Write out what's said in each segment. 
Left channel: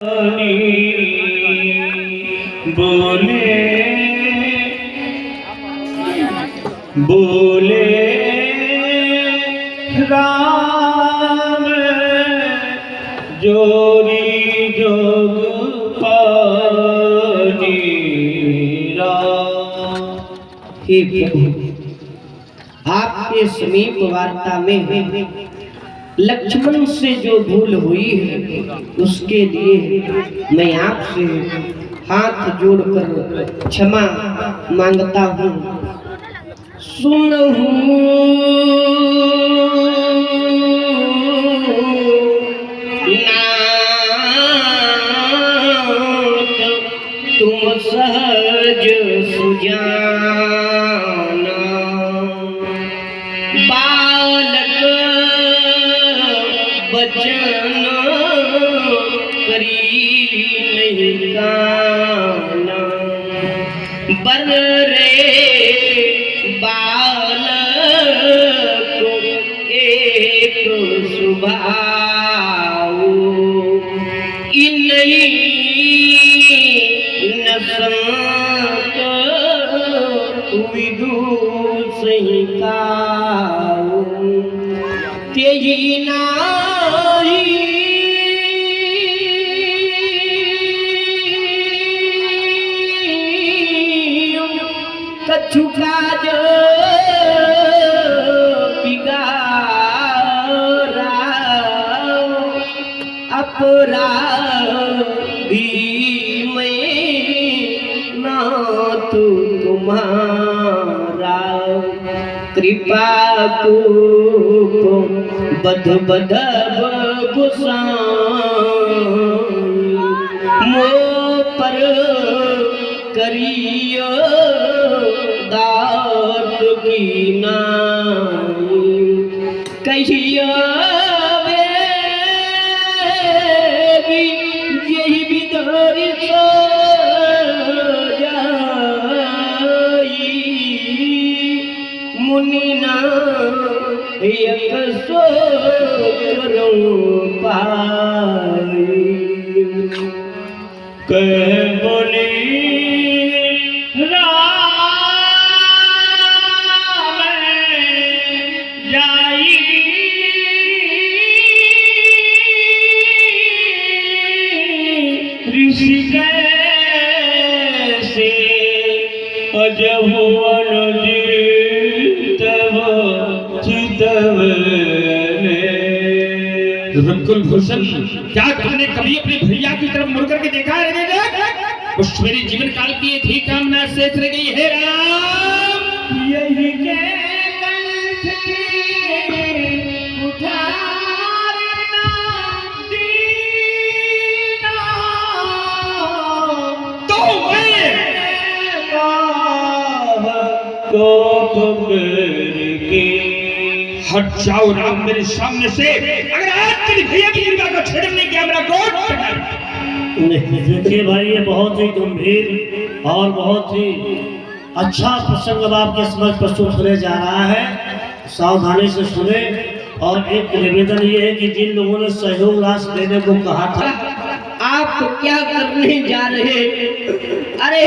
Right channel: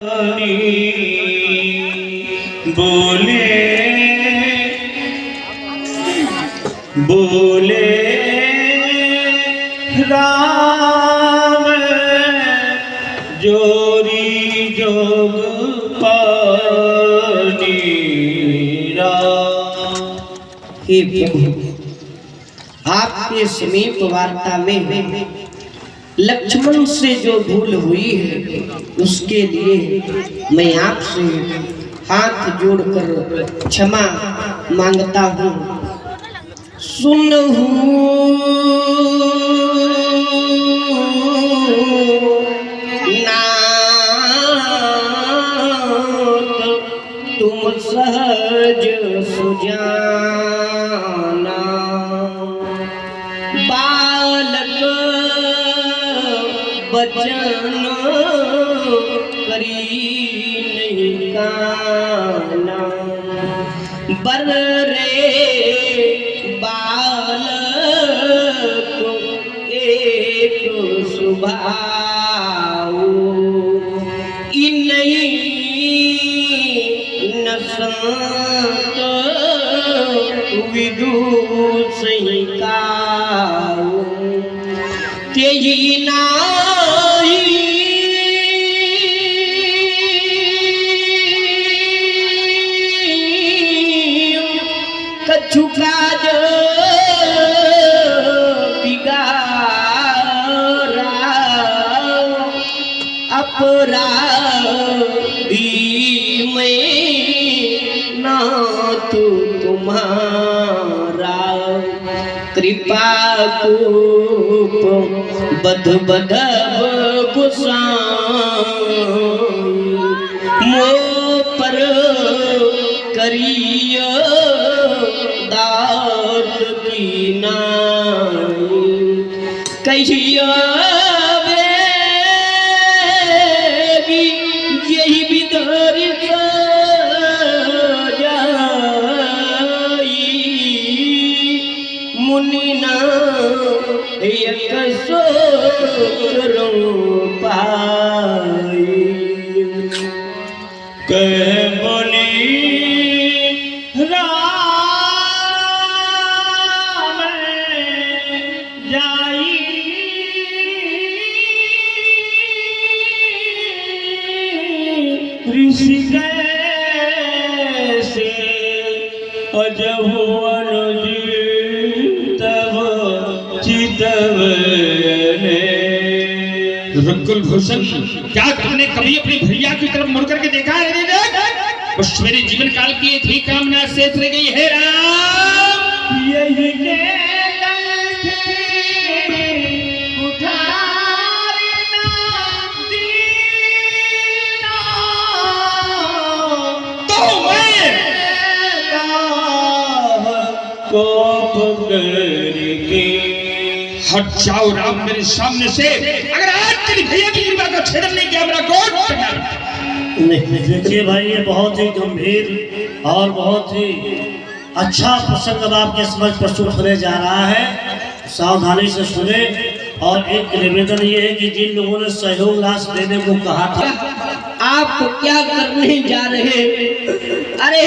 बोले बोले राम जोरी जोग पानी हे प्रभु, आपके समीप वार्ता में लक्ष्मण से जो भूल हुई है उसके लिए मैं आपसे हाथ जोड़कर क्षमा मांगता हूँ। सुनहु नाथ तुम सहज सुजाना, बालक बचन करी नहीं काना, बर रे बालक एक सुभाऊ, इन्हीं न संत विदुषी काऊ, तेही नाही कछु काज बिगाड़ा, अपराधी मैं नाथ तुम्हारा, कृपा कूप बध बधब गुसाई, मो पर करिय दात की नाई, कहिया बेगी यही बिदर जाई, मुनि न एक सोचरूं पाई, कह बोली राम जाई ऋषि कैसे अजहु अनुजीतव चितव रकुल भूषण, क्या तुमने कभी अपने भैया की तरफ मुड़ करके देखा है? बस मेरे जीवन काल की एक ही कामना शेष रह गई है राम, यही हट जाओ राम मेरे सामने से, अगर आज तेरी भैया की कृपा को छेड़ने की मेरा कोट देखिए भाई, ये बहुत ही गंभीर और बहुत ही अच्छा प्रसंग अब आपके समझ प्रस्तुत होने जा रहा है। सावधानी से सुने। और एक निवेदन ये है कि जिन लोगों ने सहयोग राशि देने को कहा था, आप क्या करने जा रहे? अरे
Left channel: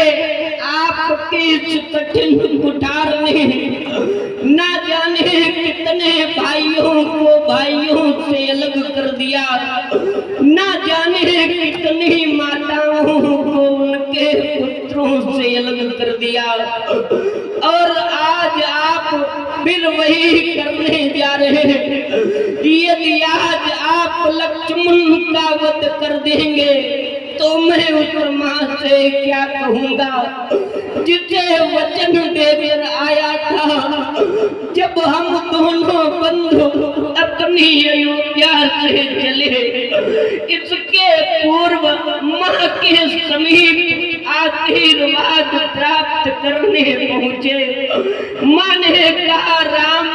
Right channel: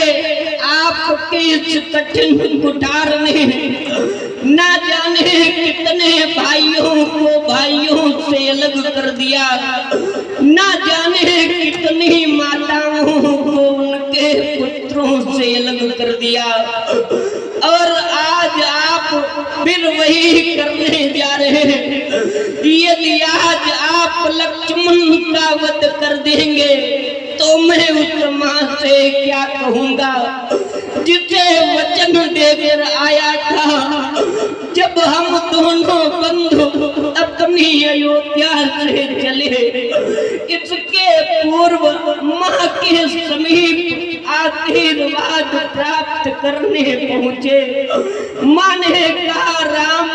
आपके इस कठिन कुठार में ना जाने कितने भाइयों को भाइयों से अलग कर दिया, ना जाने कितनी माताओं को उनके पुत्रों से अलग कर दिया, और आज आप फिर वही करने जा रहे हैं। यदि आज आप लक्ष्मण का वध कर देंगे तो मैं उस मां से क्या कहूंगा जिसे वचन देकर आया था, जब हम दोनों बंधु अपनी अयोध्या से चले, इसके पूर्व मां के समीप आशीर्वाद प्राप्त करने पहुंचे। मां ने कहा राम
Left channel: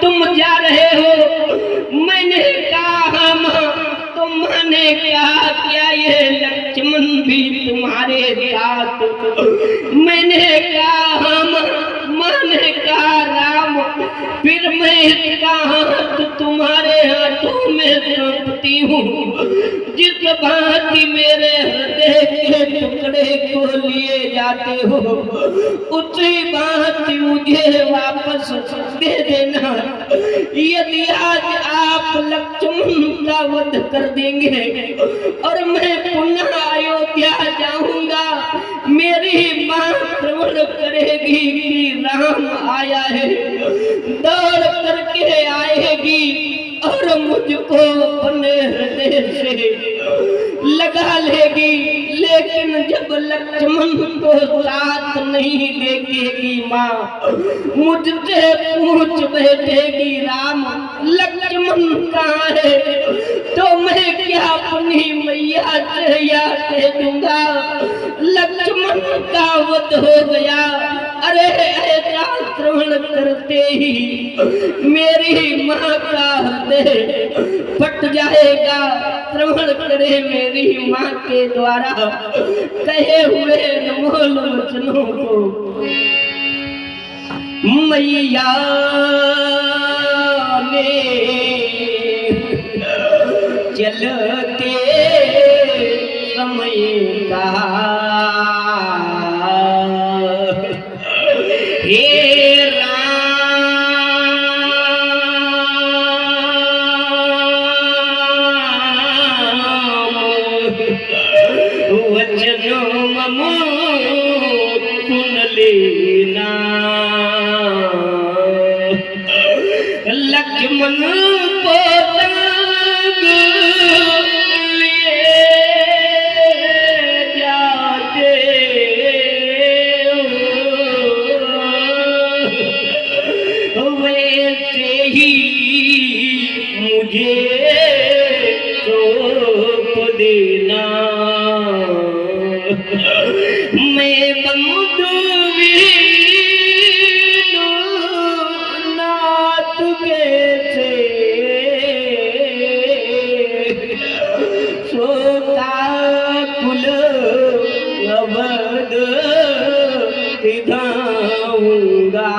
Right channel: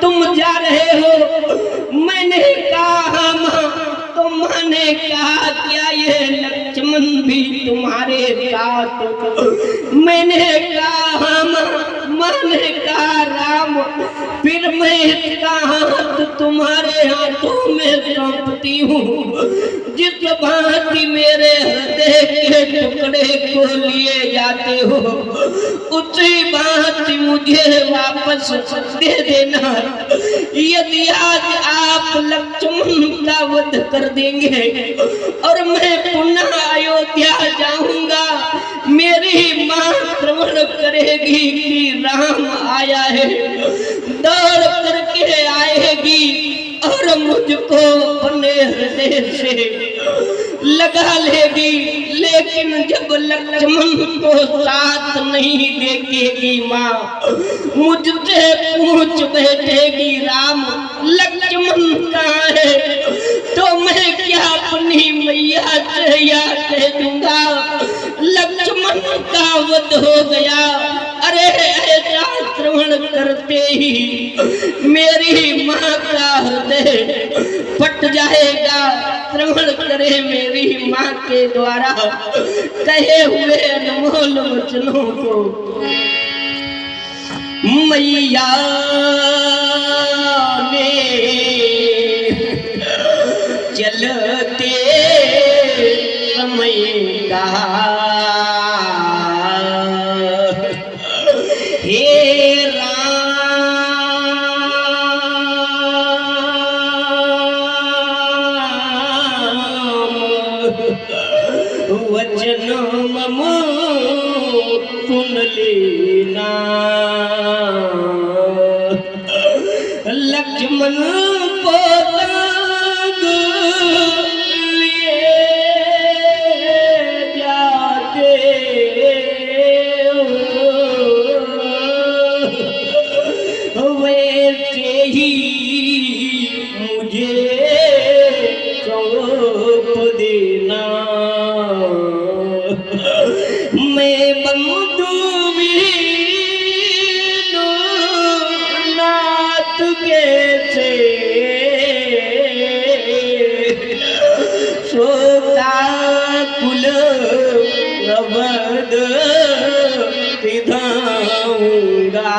तुम जा रहे हो, मैंने कहा मां, तो मां ने कहा क्या ये लक्ष्मण भी तुम्हारे साथ? मैंने कहा मां ने कहा राम, फिर मैं इसका हाथ तुम्हारे हाथों में सौंपती हूँ। जिस भांति मेरे जाते हो उसी बात मुझे वापस दे देना। यदि आज आप लक्ष्मण का वध कर देंगे और मैं पुनः अयोध्या जाऊंगा, मेरी माँ श्रवण करेगी कि राम आया है, दौड़ करके आएगी और मुझको अपने हृदय से लगा लेगी। लेकिन जब लक्ष्मण को साथ नहीं देखेगी माँ, मुझसे पूछ बैठेगी राम लक्ष्मण कहाँ है, तो मैं क्या अपनी मैया से या कह दूंगा लक्ष्मण का वध हो गया। अरे ऐसा श्रवण करते ही मेरी माँ का हृदय फट जाएगा। श्रवण करे मेरी माँ के द्वारा कहे हुए अनमोल वचनों को। मैया ने चलते समय कहा, हे राम वचन मम सुन लेना। लक्ष्मण को संग लिए जाते वैसे ही मुझे सौंप देना। मैं बंधु वीनु नाथ कैसे सोता कुल अवध विधाऊंगा।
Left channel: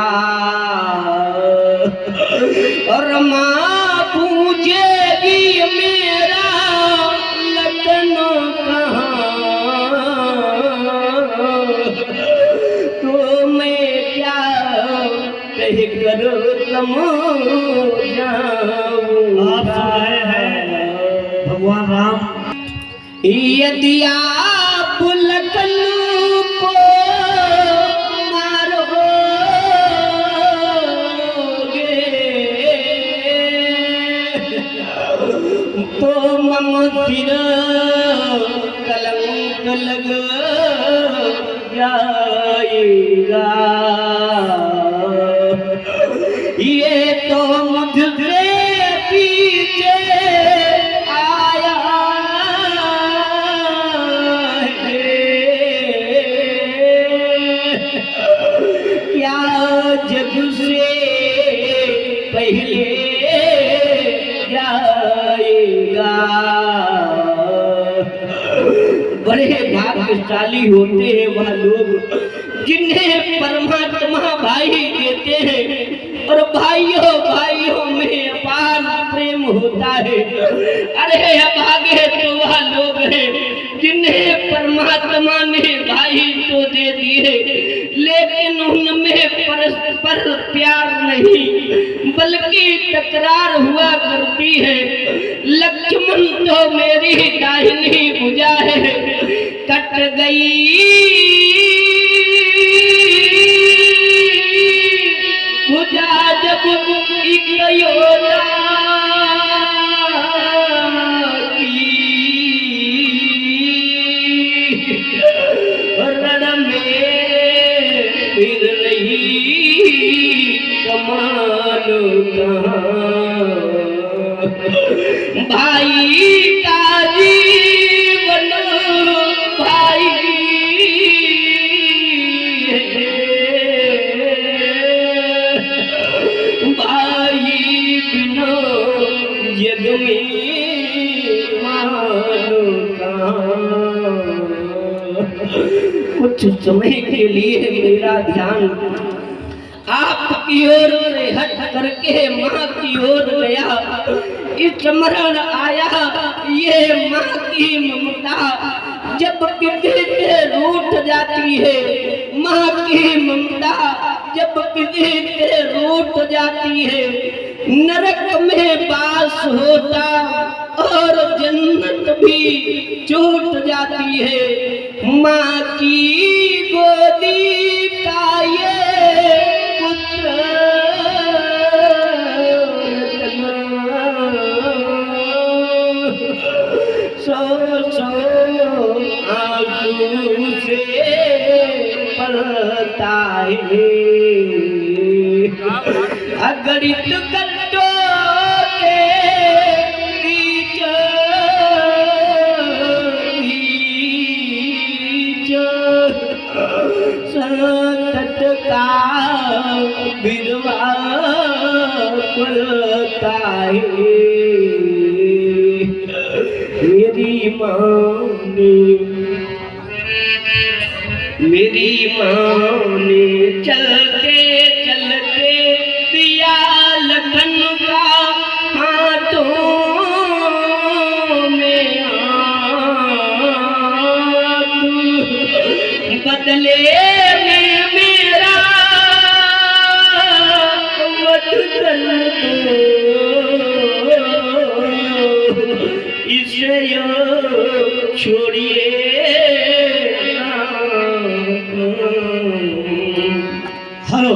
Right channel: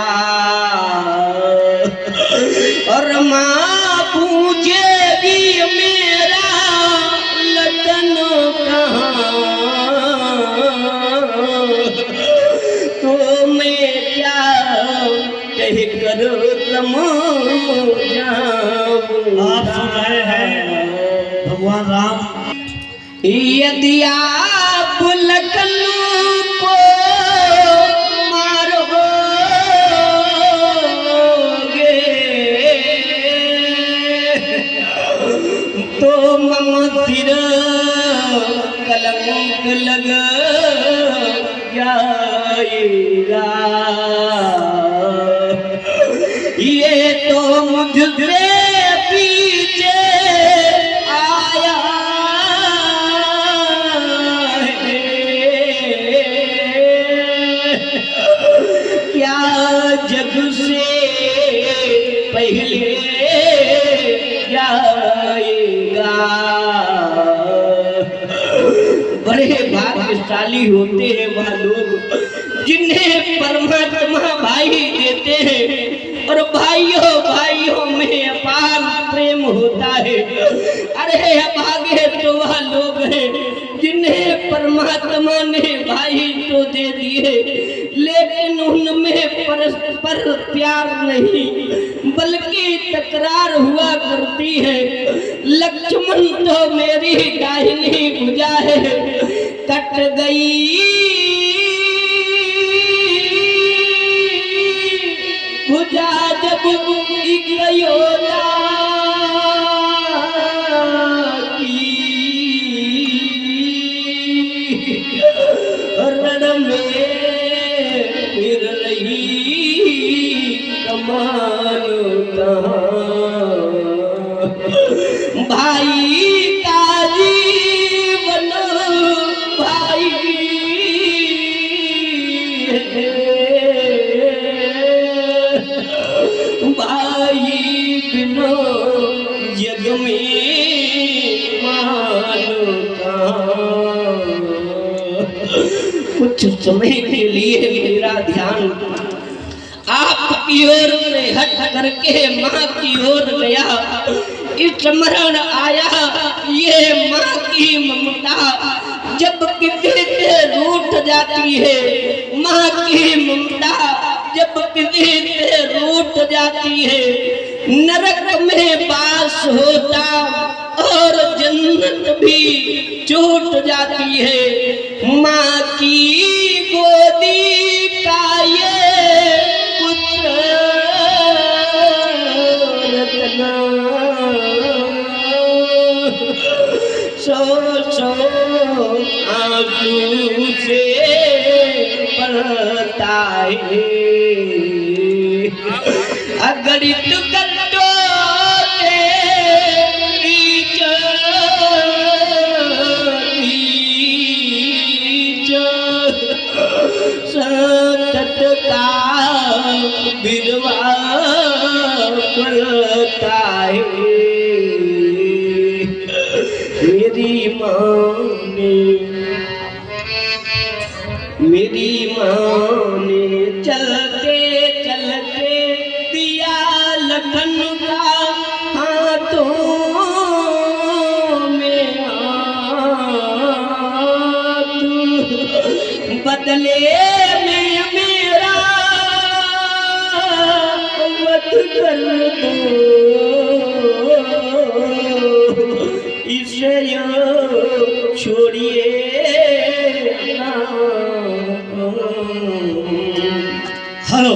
और माँ पूछेगी मेरा लगन कहाँ, तो मैं क्या कह कर आप सुन रहे हैं भगवान राम, यदि आप लखन को मारोगे तो मम सिर कलंक लग जाएगा। ये तो मुझसे पीछे आया है, क्या जग से पहले जाएगा। बड़े भाग्यशाली होते हैं वह लोग जिन्हें परमात्मा भाई देते हैं और भाइयों भाइयों में अपार प्रेम होता है। अरे अभागे तो वह लोग हैं जिन्हें परमात्मा ने भाई तो दे दिए, लेकिन उनमें परस्पर प्यार नहीं बल्कि तकरार हुआ करती है। लक्ष्मण तो मेरी दाहिनी भुजा है, कट गई भुजा जब योदा रण में फिर रही कमान भाई का जीवन भाई भाई बिना जग में मानो कुछ समय के लिए मेरा ध्यान आपकी ओर से हट करके माँ की ओर गया। स्मरण आया ये माँ की ममता जब किसी से रूठ जाती है छूट जाती है माँ की गोदी का ये पुत्र रतना। सो आंसू से पड़ता है अगणित गड्ढों सतत का बिरवा पड़ता है। मेरी माँ ने चलते चलते दिया लखन का हाथों में हाथ, बदले में मेरा वध कर दो इसे छोड़िए। हेलो,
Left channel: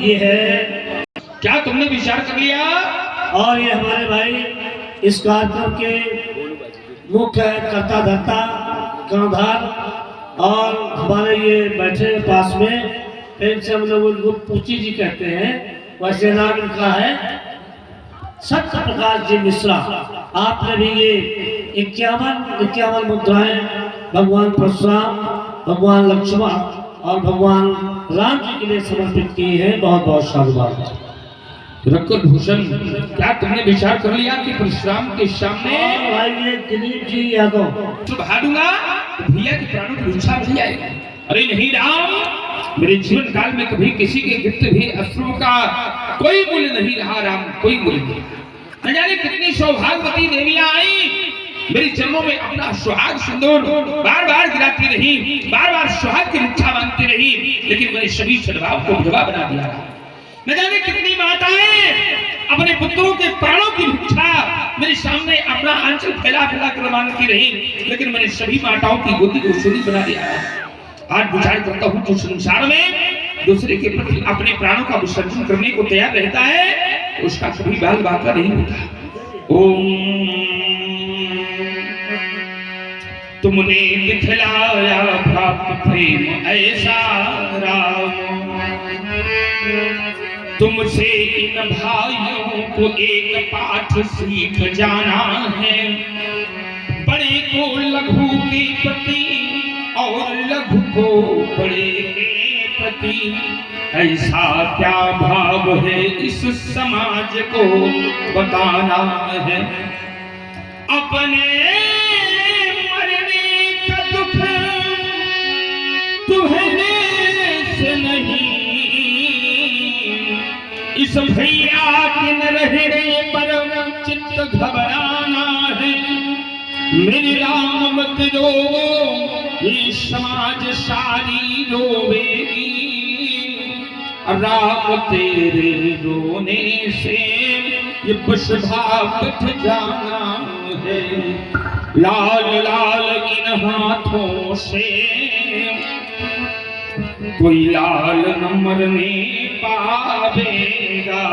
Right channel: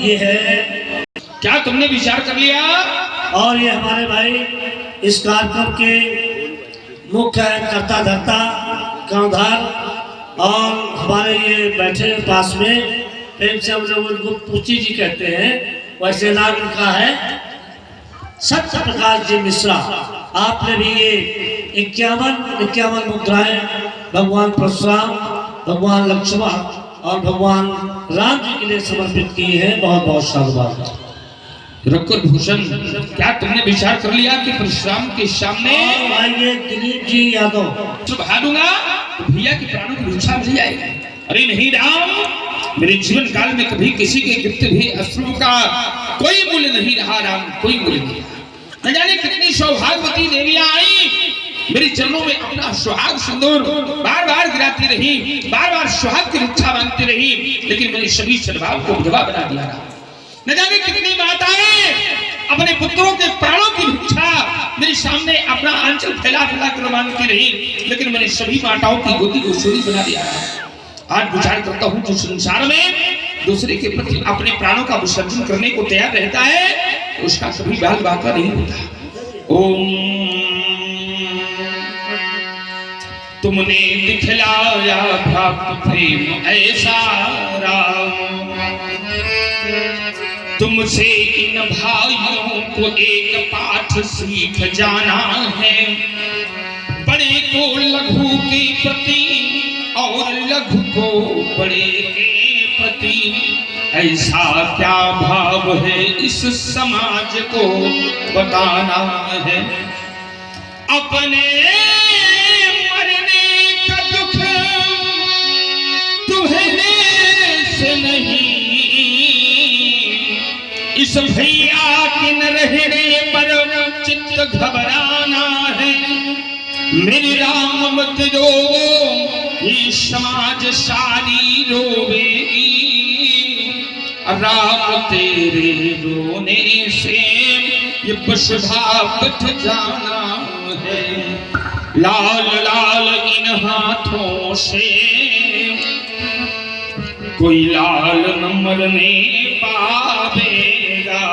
ये है क्या तुमने विचार कर लिया? और ये हमारे भाई इस कार्यक्रम के मुख्य कर्ता धर्ता कांधार और हमारे ये बैठे पास में प्रेम से हम लोग उनको पूची जी कहते हैं, वैसे नाम उनका है सत्य प्रकाश जी मिश्रा। आपने भी ये 51 मुद्राएं भगवान परशुराम, भगवान लक्ष्मण और भगवान राम जी के लिए समर्पित की है। बहुत बहुत साधुवाद। रकुल भूषण, क्या तुमने विचार कर लिया कि परशुराम के सामने आइए दिलीप जी यादव सुबह दूंगा तो भैया के प्राणों की भिक्षा मिल जाएगी? अरे नहीं राम, मेरे जीवन काल में कभी किसी के गिफ्ट भी अश्रु का कोई मूल्य नहीं रहा राम, कोई मूल्य नहीं। न जाने कितनी सौभाग्यवती देवियां आई मेरी चरणों में अपना सुहाग सिंदूर बार बार गिराती रही, बार बार सुहाग की इच्छा मांगती रही, लेकिन मैंने सभी सद्भाव को विधवा बना दिया। न जाने कितनी माताएं अपने पुत्रों के प्राणों की भिक्षा मेरे सामने अपना आंचल फैला फैला कर मांगती रही, लेकिन मैंने सभी माताओं की गोदी को सूली बना दिया। आज विचार करता हूँ जो संसार में दूसरे के प्रति अपने प्राणों का विसर्जन करने को तैयार रहता है उसका कभी बाल बाका नहीं होता। ओम तुमने दिखलाया भक्त प्रेम ऐसा राम, तुमसे इन भाइयों को एक पाठ सीख जाना है। बड़े को लघु के प्रति और लघु को बड़े के प्रति ऐसा क्या भाव है इस समाज को बताना है। अपने इस भैया के न रहने पर चित्त घबराना है। मेरी राम मत रो, ये समाज सारी रोवेगी। राम तेरे रोने से ये बसभा बच जाना है। लाल लाल इन हाथों से कोई लाल न मरने पावेगा।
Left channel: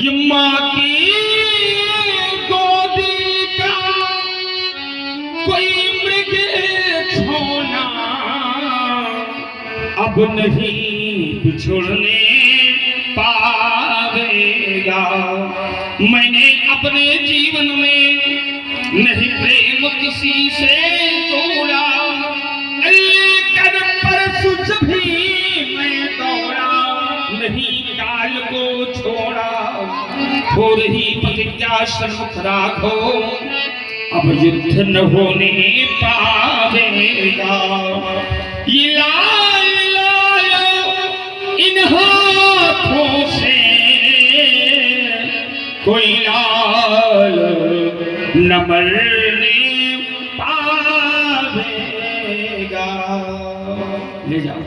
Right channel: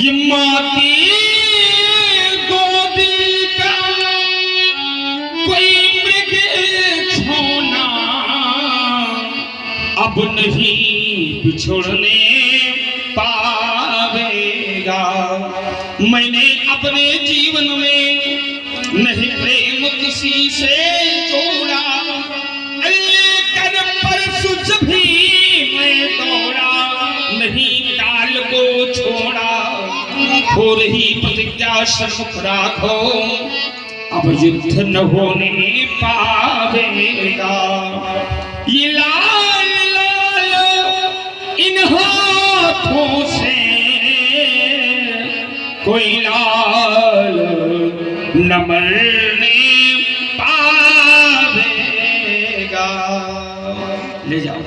ये माँ की गोदी का कोई मृग छोना अब नहीं बिछुड़ने पावेगा। मैंने अपने जीवन में नहीं प्रेम किसी से जोड़ा, सुच भी मैं दौड़ा नहीं काल को छोड़ा। हो रही प्रतिज्ञा सन्मुख राखो, अब युद्ध न होने पावेगा। ये लाल लाल इन हाथों से कोई लाल न मरने पावेगा। ले जाओ।